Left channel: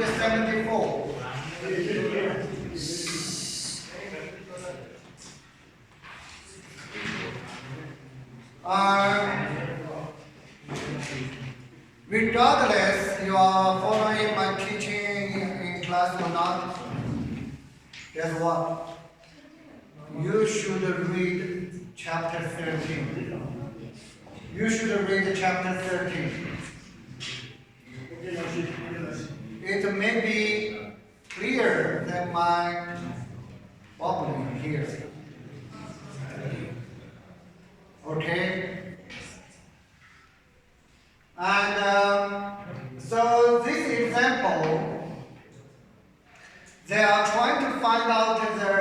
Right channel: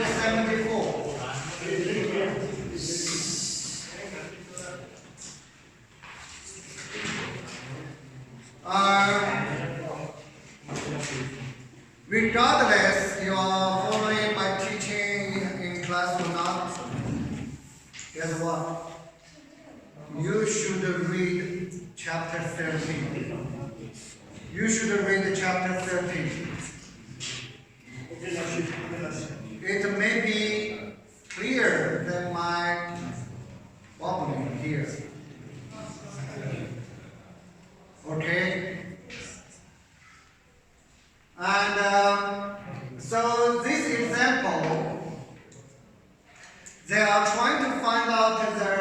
174. Regardless you are following my teaching in class or not, guess what? You should read chapter 13. You should read chapter 13. It may be clearer than my bubbling here. Okay? And so this example, they are trying to find out the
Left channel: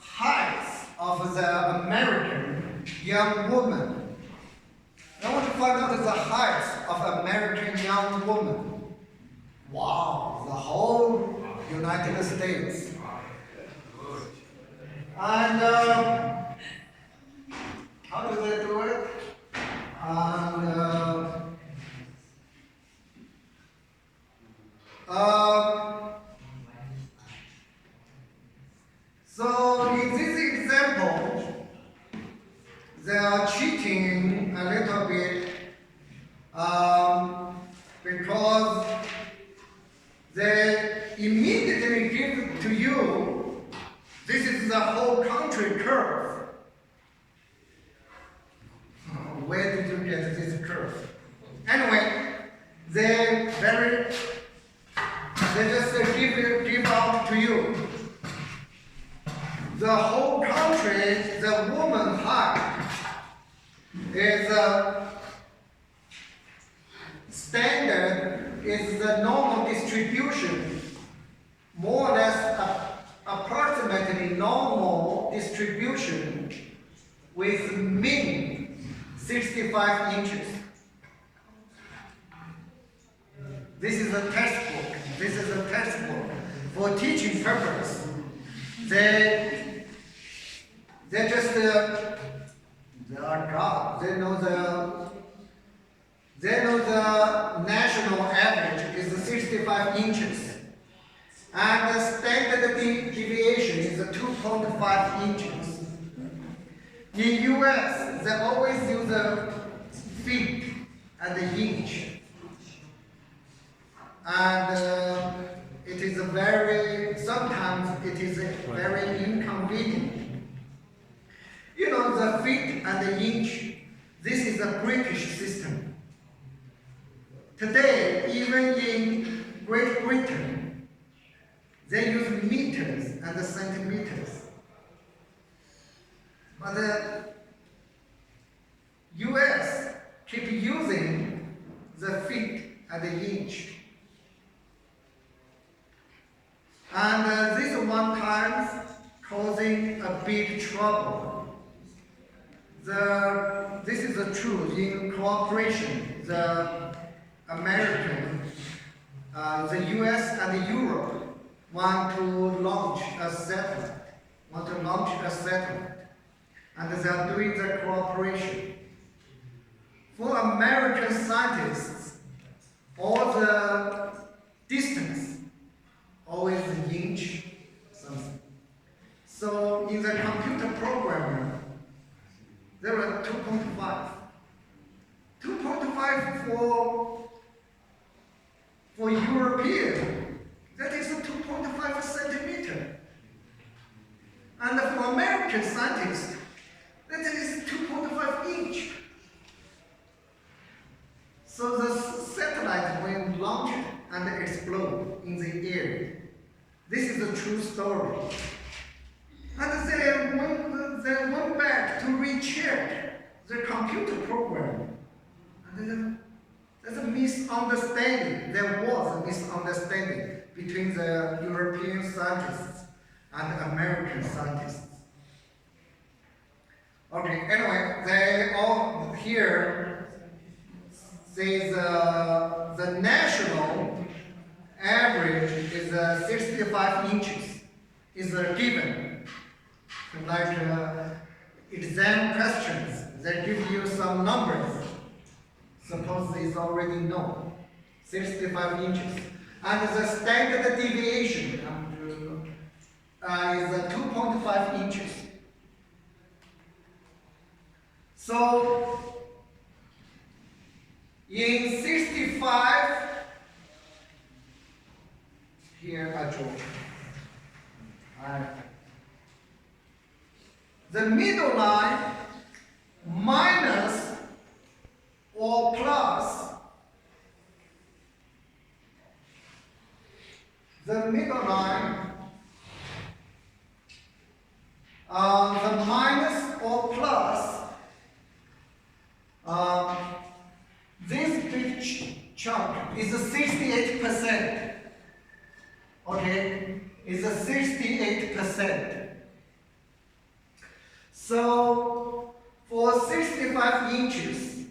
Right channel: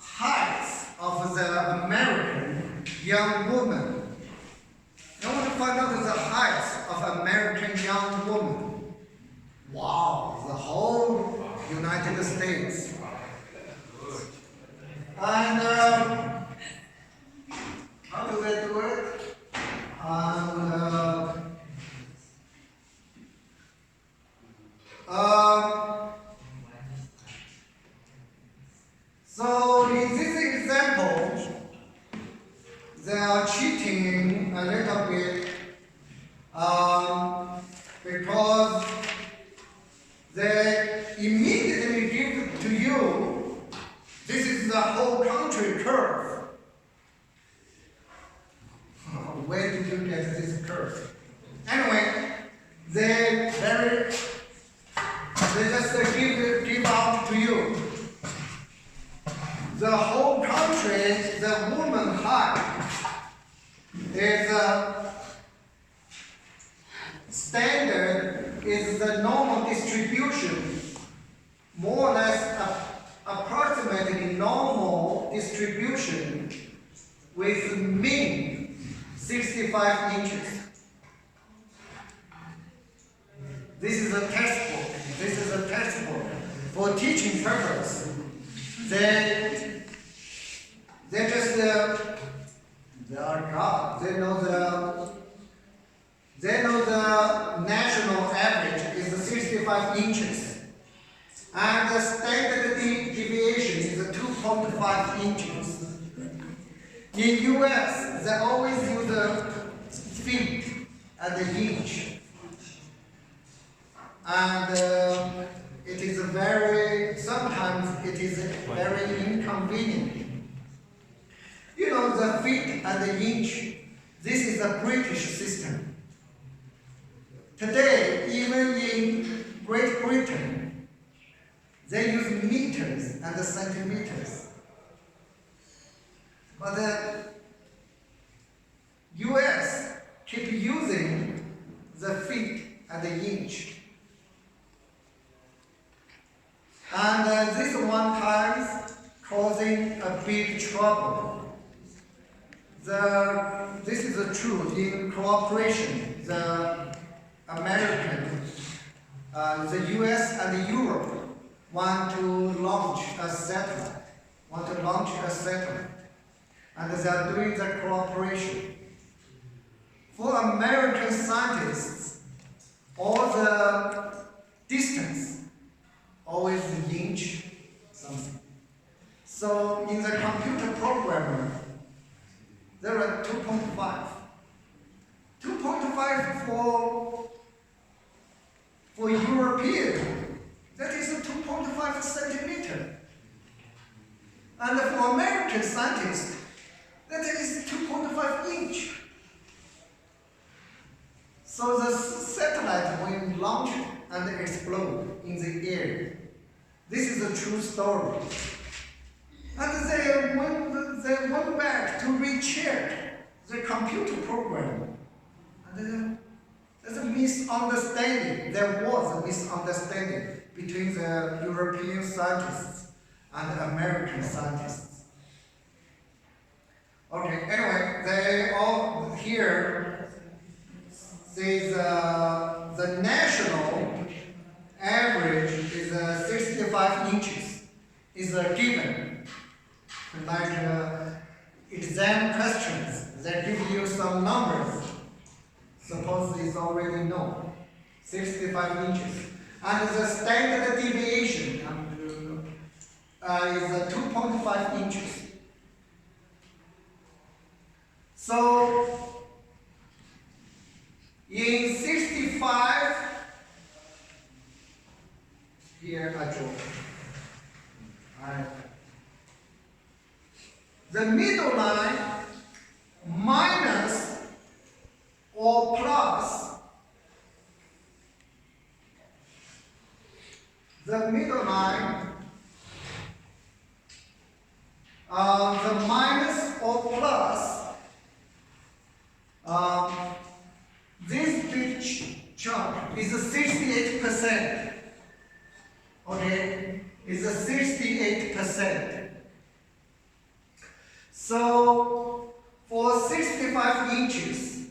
height of the American young woman. They want to find out the height of American young woman. Wow, the whole United States. And how do they do it? So in this example, they are cheating a little bit because they immediately give to you, this is the whole country curve. Where did you get this curve? Anyway, they just give out to you. The whole country, the woman height is standard, is the normal distribution, more or less approximately normal distribution with mean 65 inches. This is a textbook. This is a textbook for teaching purpose. They just they are God. They know the national average is 65 inches, and the standard deviation is 2.5 inches. In U.S., they always use the feet and the inch, and it is sometimes it is very inconvenient. You know, the feet and the inch, this is a British system. Today, even in Great Britain, they use meters and centimeters. But the US keep using the feet and the inch. And this one time causing a big trouble. This is the truth. In cooperation, the American, the US and the Europe want to launch a satellite. And they are doing the cooperation. For American scientists, all the distance always an inch something. So in the computer programmer, there are 2.5. 2.5 for European, that is 2.5 centimeter. And for American scientists, that is 2.5 inch. So the satellite will launch and explode in the air. This is a true story. And they went back to recheck the computer program. And there's a misunderstanding. There was a misunderstanding between the European scientists and American scientists. Okay, anyway, they all here says the national average is 65 inches, is given. Like exam questions, they give you some numbers. Suppose it's already known, 65 inches. And the standard deviation is 2.5 inches. So in 65, here I draw. The middle line minus or plus the middle line, the minus or plus this big chunk is 68%. Okay, is 68%. So for 65 inches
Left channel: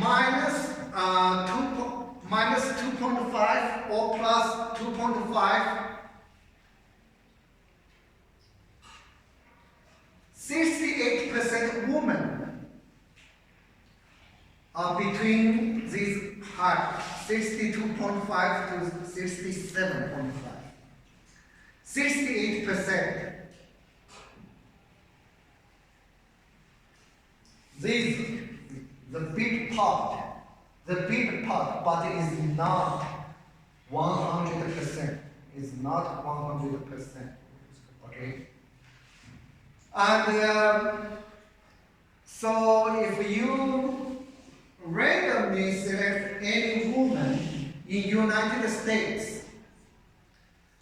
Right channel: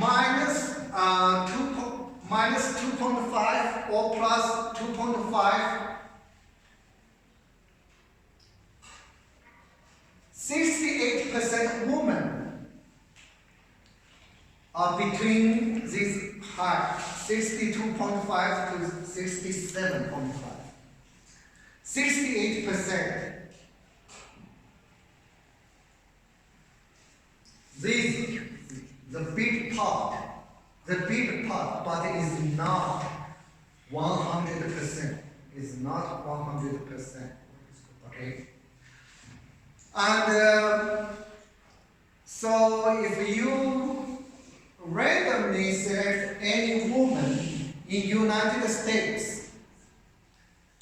minus 2.5 or plus 2.5, 68% women are between this height, 62.5 to 67.5. 68%. This the big part, but it is not 100%. It's not 100%. Okay. And so if you randomly select any woman in United States,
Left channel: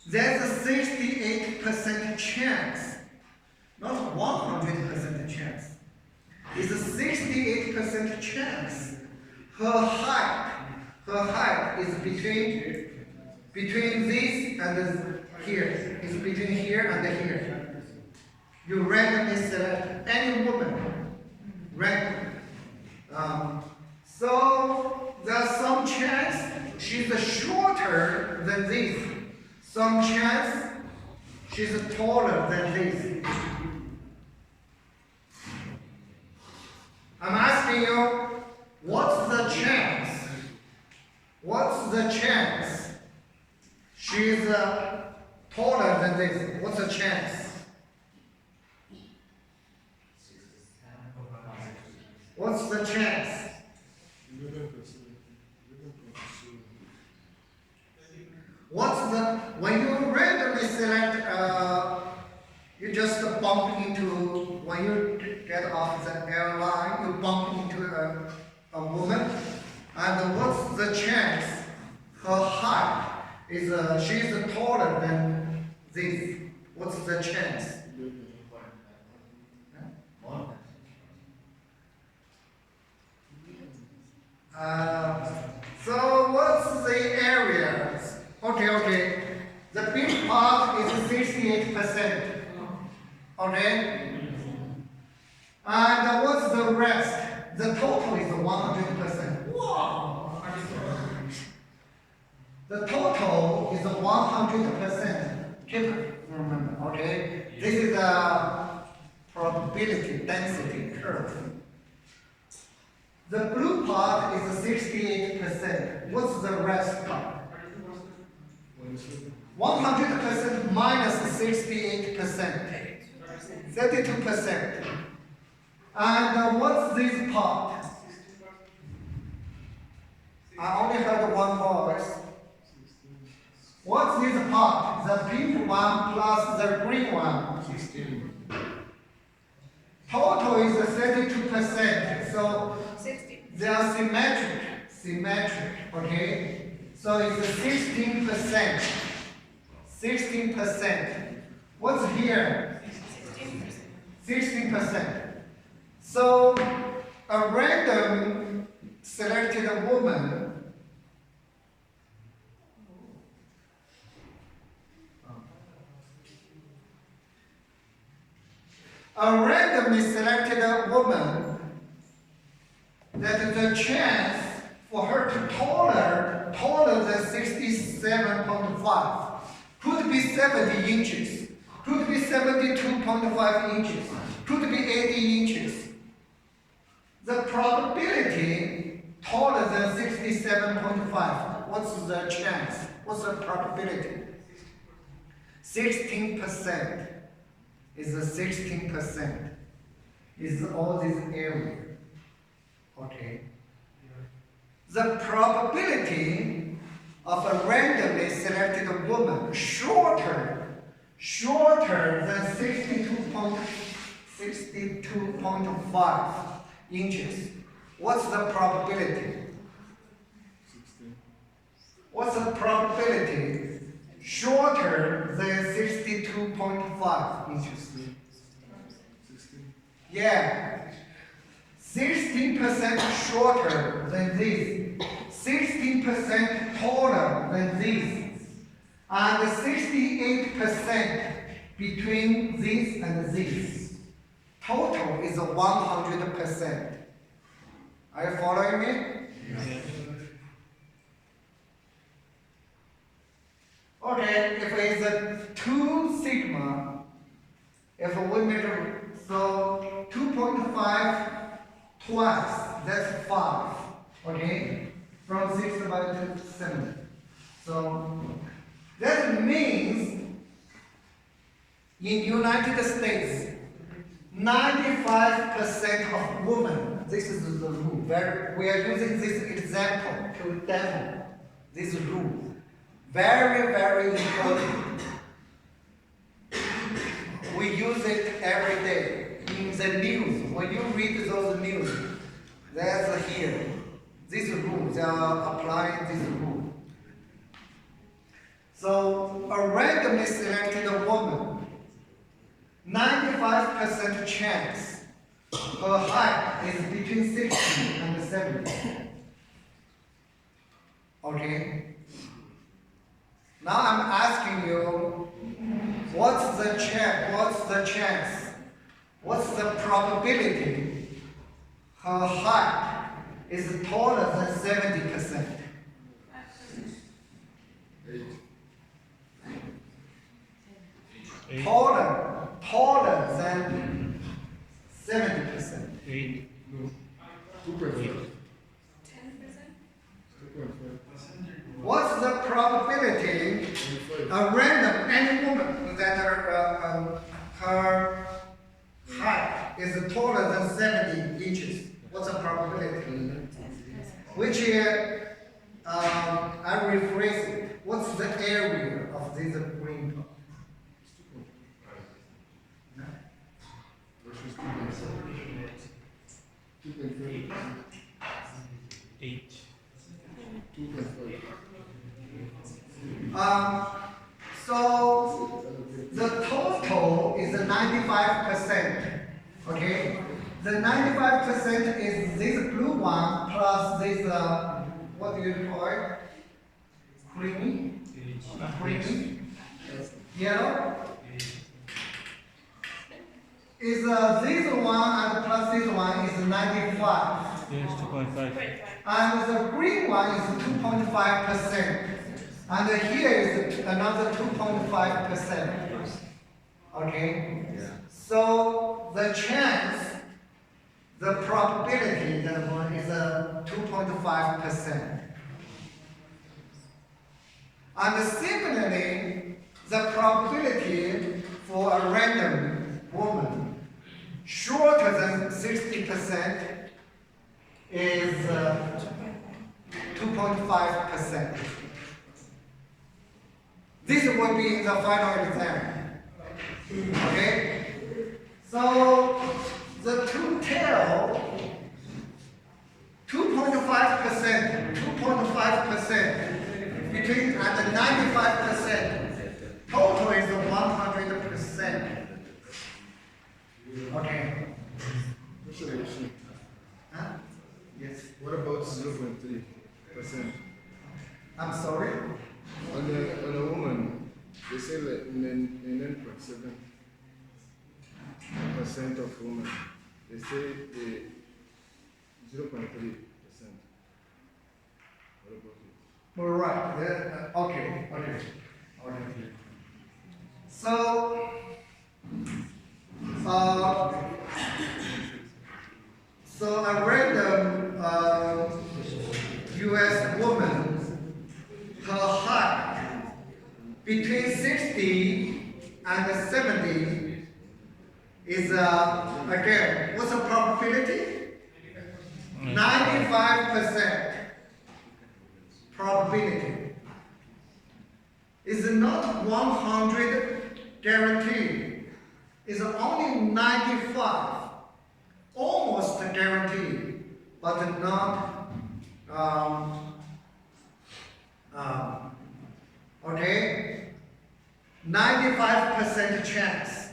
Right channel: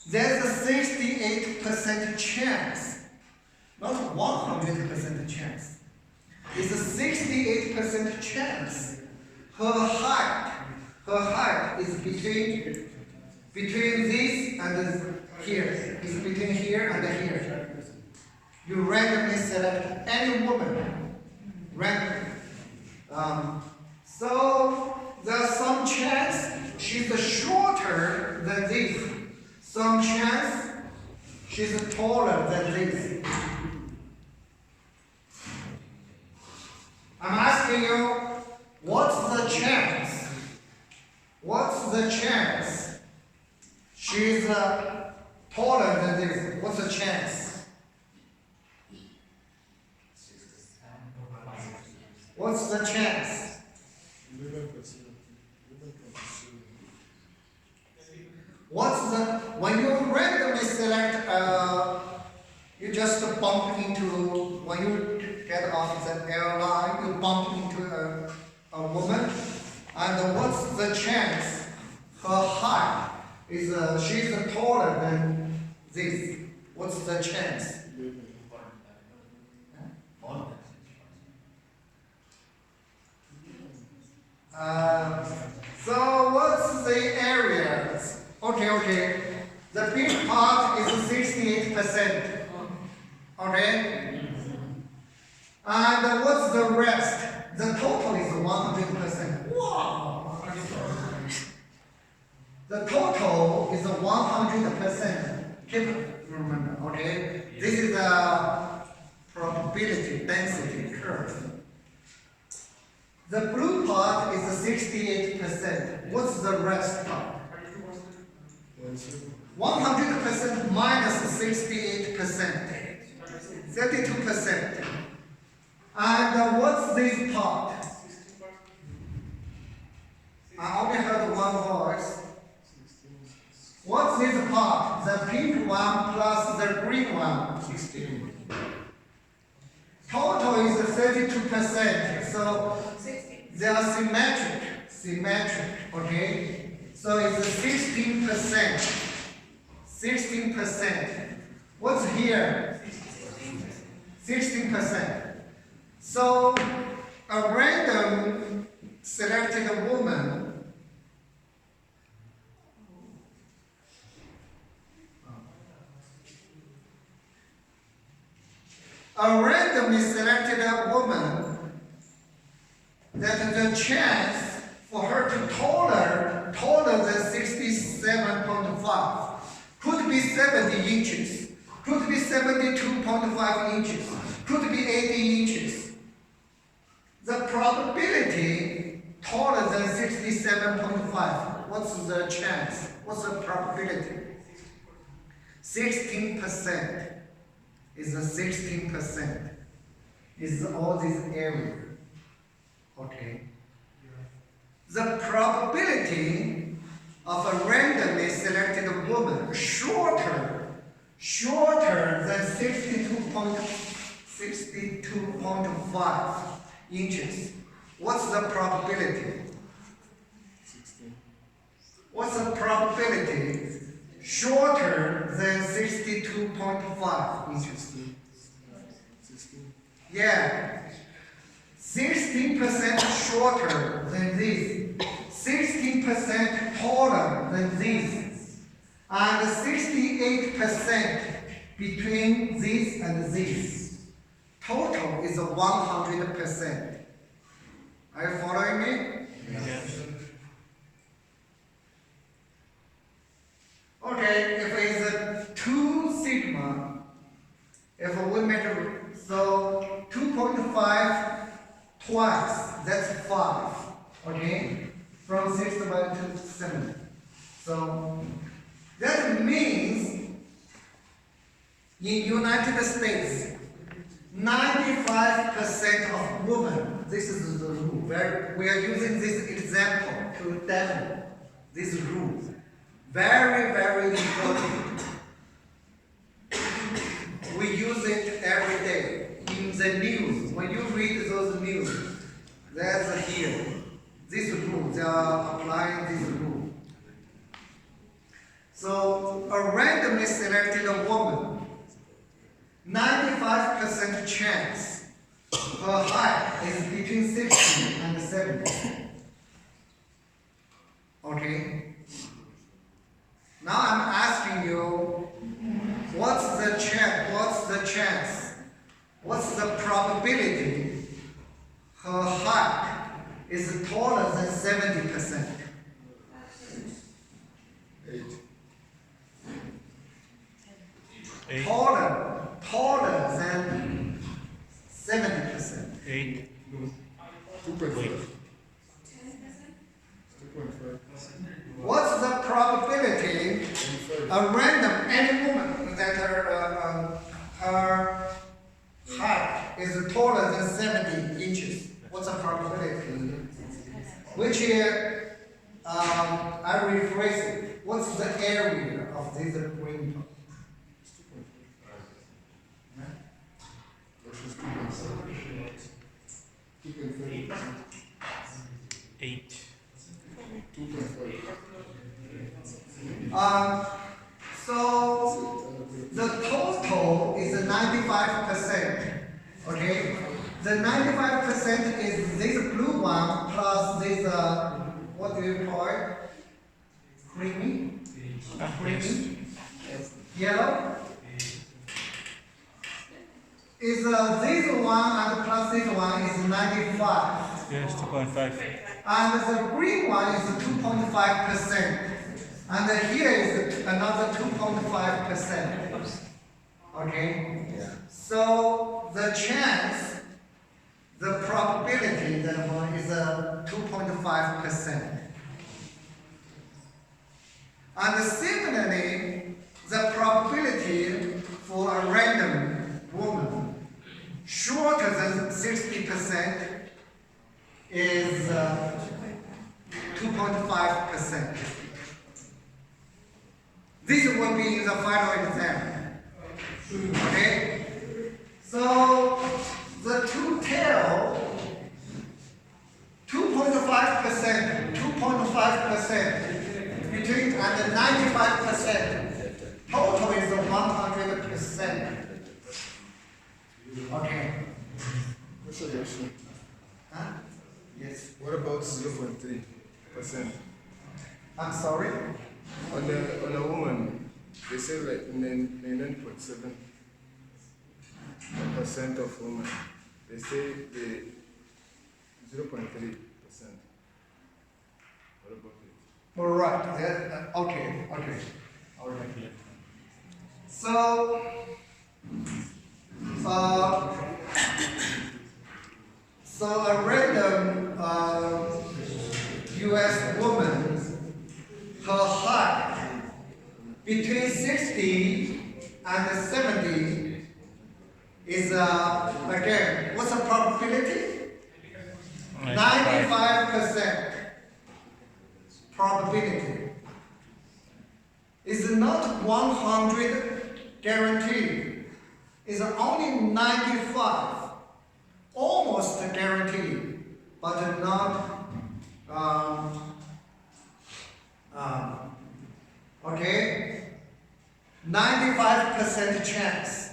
there's a 68% chance, not 100% chance. It's a 68% chance her height is between this and here. It's between here and here. You randomly select any woman. Randomly. So there's some chance she's shorter than this. Some chance she's taller than this. I'm asking you, what's the chance? What's the chance she's taller than this? What's the chance? What's the chance? 11%. What's the, when you randomly select, you just bump into, when you get off the airline, you bump into a woman, and what's the chance her height is, she's taller than this? What's the chance? 11. So what's the area? Okay. The big part is 68%. Okay? And what's the rest? The total is 100%. Wow! The total is 100%. Keep remember, okay? This is the probability density curve. The blue part is 68%. What's the rest part? 100% minus 68%. 32%. And what's this part? I only heard one voice. What's this part? The pink one plus the green one. 16. Total is 32%. So they are symmetric, okay? So it's 16%. 16%. What's here? 16%. So a random selected woman randomly selected woman, that the chance for her to taller than 67.5 could be 70 inches, could be 72.5 inches, could be 80 inches. The probability taller than 67.5, what's the chance? What's the probability? 16% is a 16% is all this area. Okay. The probability of a randomly selected woman shorter than 62.5 inches. What's the probability? 16. What's the probability shorter than 62.5 inches? 16. Yeah. 16% shorter than this, 16% taller than this, and 68% between this and this. Total is 100%. Are you following me? Okay, if it's a 2 sigma, if we measure, so 2.5 twice, that's 5, okay? From 6 to 7. So that means in United States, 95% of women, this is the rule, we are using this example to demo this rule. Very, very important. We use it every day in the news. When you read those news, that's here. This rule, they are applying this rule. So a randomly selected woman, 95% chance her height is between 60 and 70. Okay? Now I'm asking you, what's the chance? What's the probability her height is taller than 70%? 8. Taller than 70%. 8. No. 2.5. 2.5. What's the probability a random any woman that her height is taller than 70 inches? What's the probability? Which I rephrase it. What's the area of this green? 2.5. 8. 2.5. So the total is 95%. Okay, the 95% is this blue one plus this what do you call it? Creamy, yellow. Is this one and plus this one is 95. Yes, 2.5. And the green one is 2.5%. And here is another 2.5%. Okay? Yeah. So the chance, the probability that one is 2.5%. And similarly, the probability for a random woman shorter than 60% is 2.5%. This will be in the final exam. Okay? So the two tail, 2.5% between and 95%. Total is 100%. Okay. Huh? Yes. What about 0.3%? I'm sorry. On a woman, they say like 9.7% of women, they say the 0.3%. What about it? All right. Yeah, okay. So, so a random U.S. woman, her height 60 and 70 is, again, what's the probability? 95% probability. Is not 100 guaranteed. It's only 95. Almost guaranteed, but not, okay? 95% chance.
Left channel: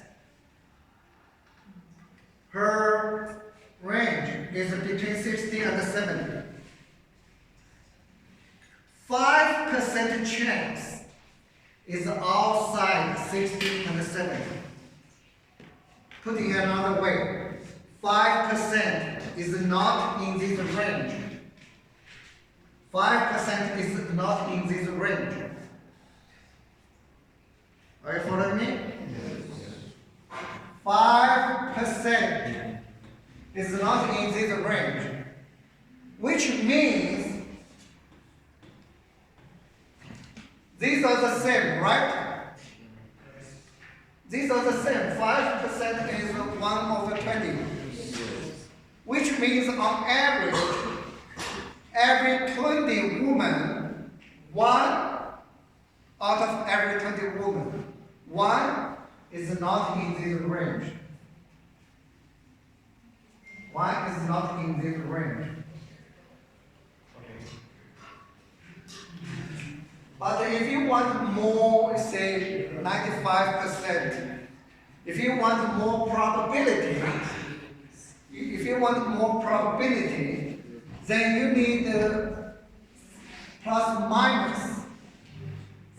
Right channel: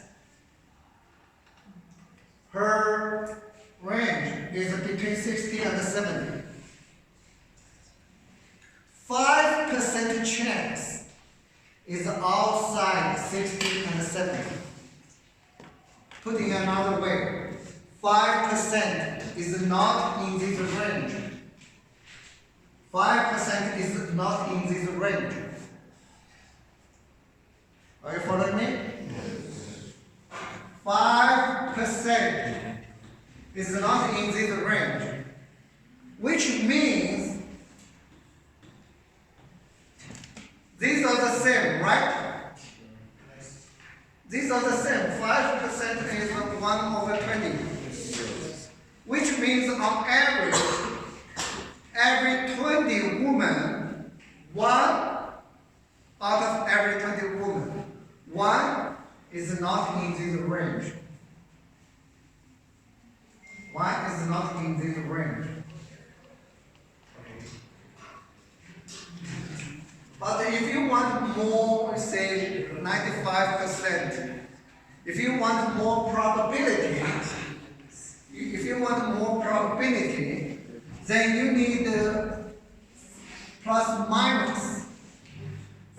Her range is between 60 and 70. 5% chance is outside 60 and 70. Putting another way, 5% is not in this range. 5% is not in this range. Are you following me? 5% is not in this range, which means these are the same, right? These are the same. 5% is 1/20, which means on average, every 20 women, 1 out of every 20 women, 1 is not in this range. 1 is not in this range. But if you want more, say 95%, if you want more probability, then you need plus minus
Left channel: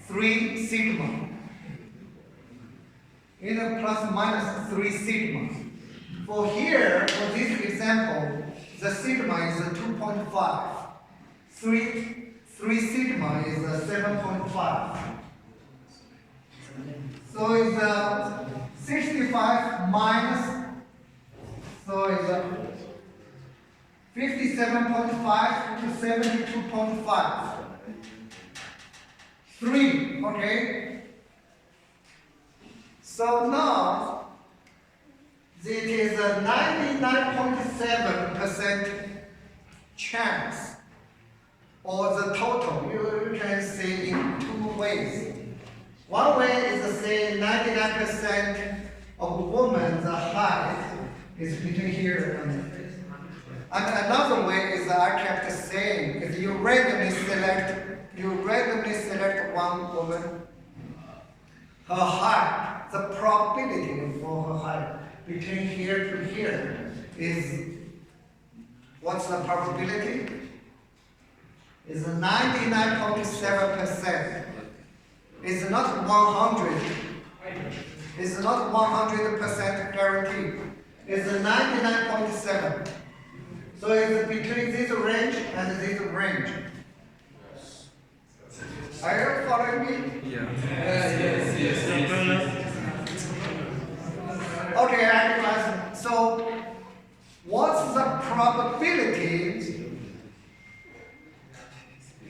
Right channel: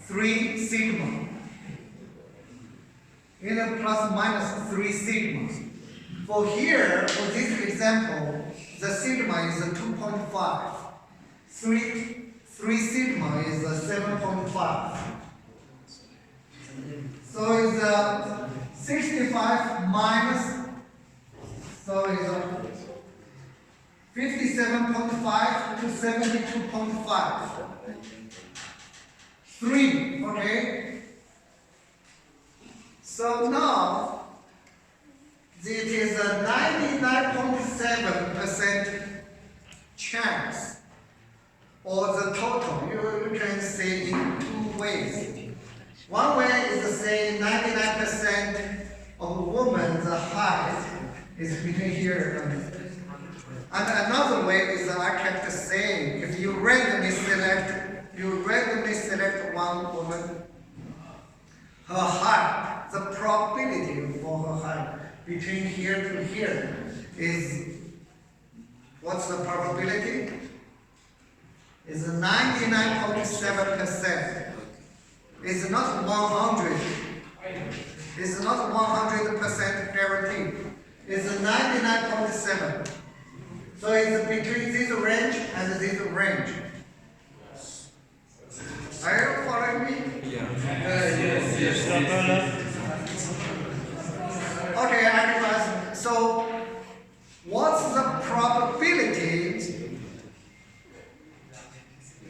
3 sigma. In a plus minus 3 sigma. For here, for this example, the sigma is 2.5. 3 sigma is 7.5. So it's 65 minus, so it's 57.5 to 72.5. 3, okay? So now, it is a 99.7% chance, or the total. You can say in 2 ways. One way is to say 99% of women's height is between here and another way is I kept saying, if you randomly select one woman, her height, the probability for her height between here to here is, what's the probability? Is 99.7%. It's not 100. It's not 100% guaranteed. It's 99.7. So it's between this range and this range. Are you following me? Yes. Okay, guys. So, what's the probability?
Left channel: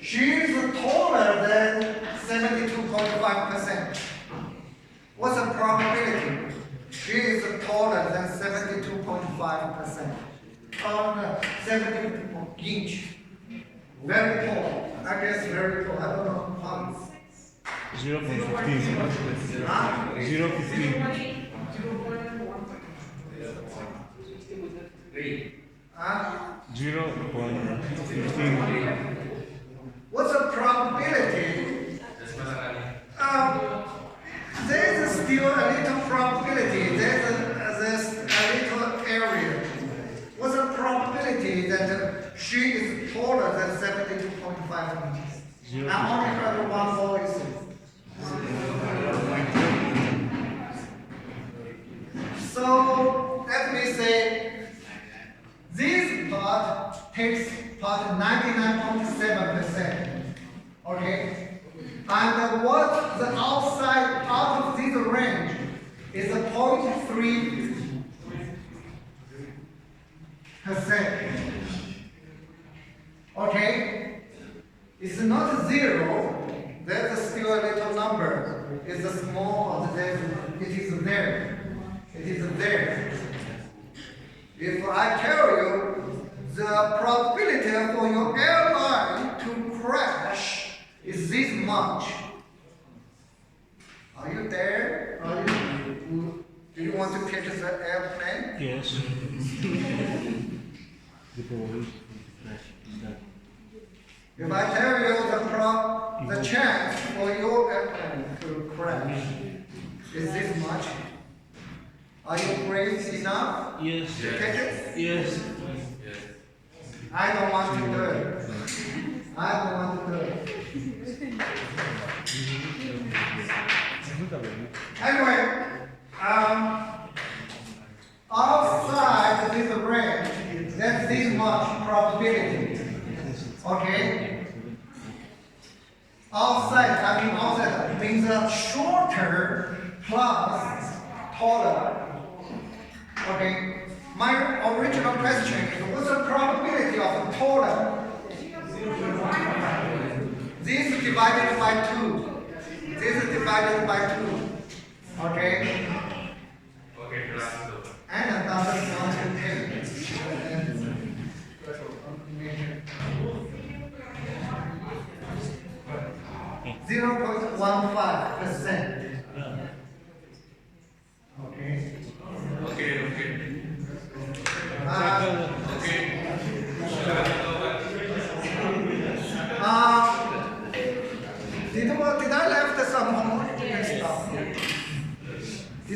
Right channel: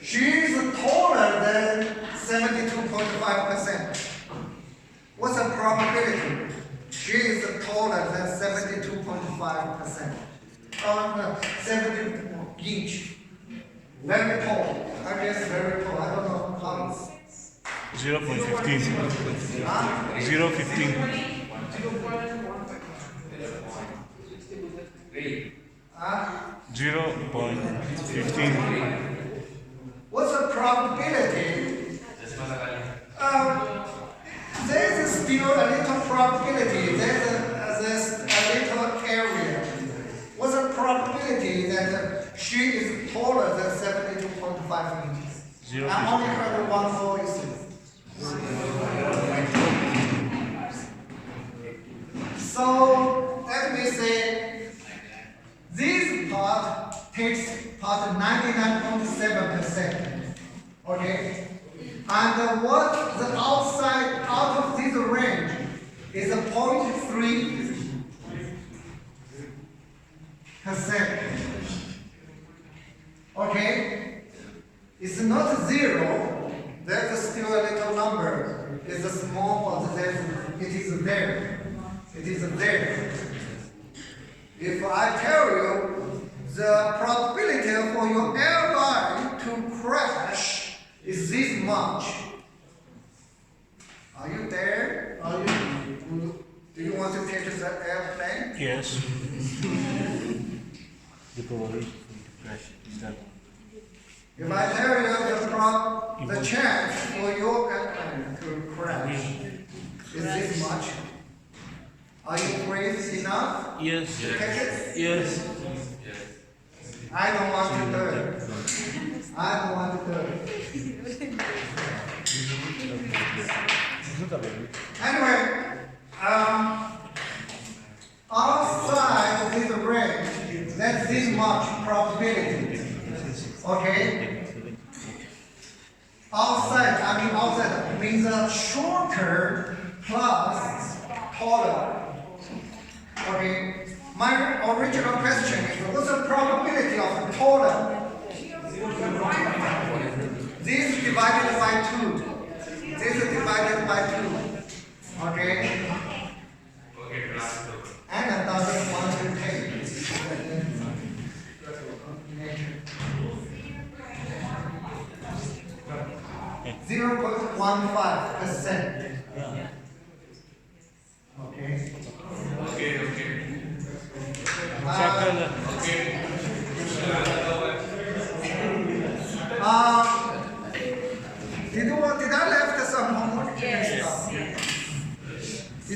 She's taller than 72.5%. What's the probability? She is taller than 72.5%. 70 inch. Very tall. I guess very tall. I don't know how it's. 0.15. 0.15. 0.15. What's the probability? There's still a little probability. There's a little area. What's the probability that she is taller than 72.5 inches? I only heard one voice. So let me say this part takes part 99.7%. Okay? And what the outside out of this range is a 0.3%. Okay? It's not 0. There's still still a little number. It's a small, but then it is there. It is there. If I tell you the probability for your airline to crash is this much, are you there? Do you want to catch the airplane? Yes. The probability to crash is that. If I tell you the chance for your airplane to crash is this much, are you brave enough Yes. to catch it? Yes. I don't want to do it. I don't want to do it. Anyway, outside this range, that's this much probability. Okay? Outside means shorter plus taller. Okay? My original question is, what's the probability of taller? This is divided by 2. This is divided by 2. Okay? And another one.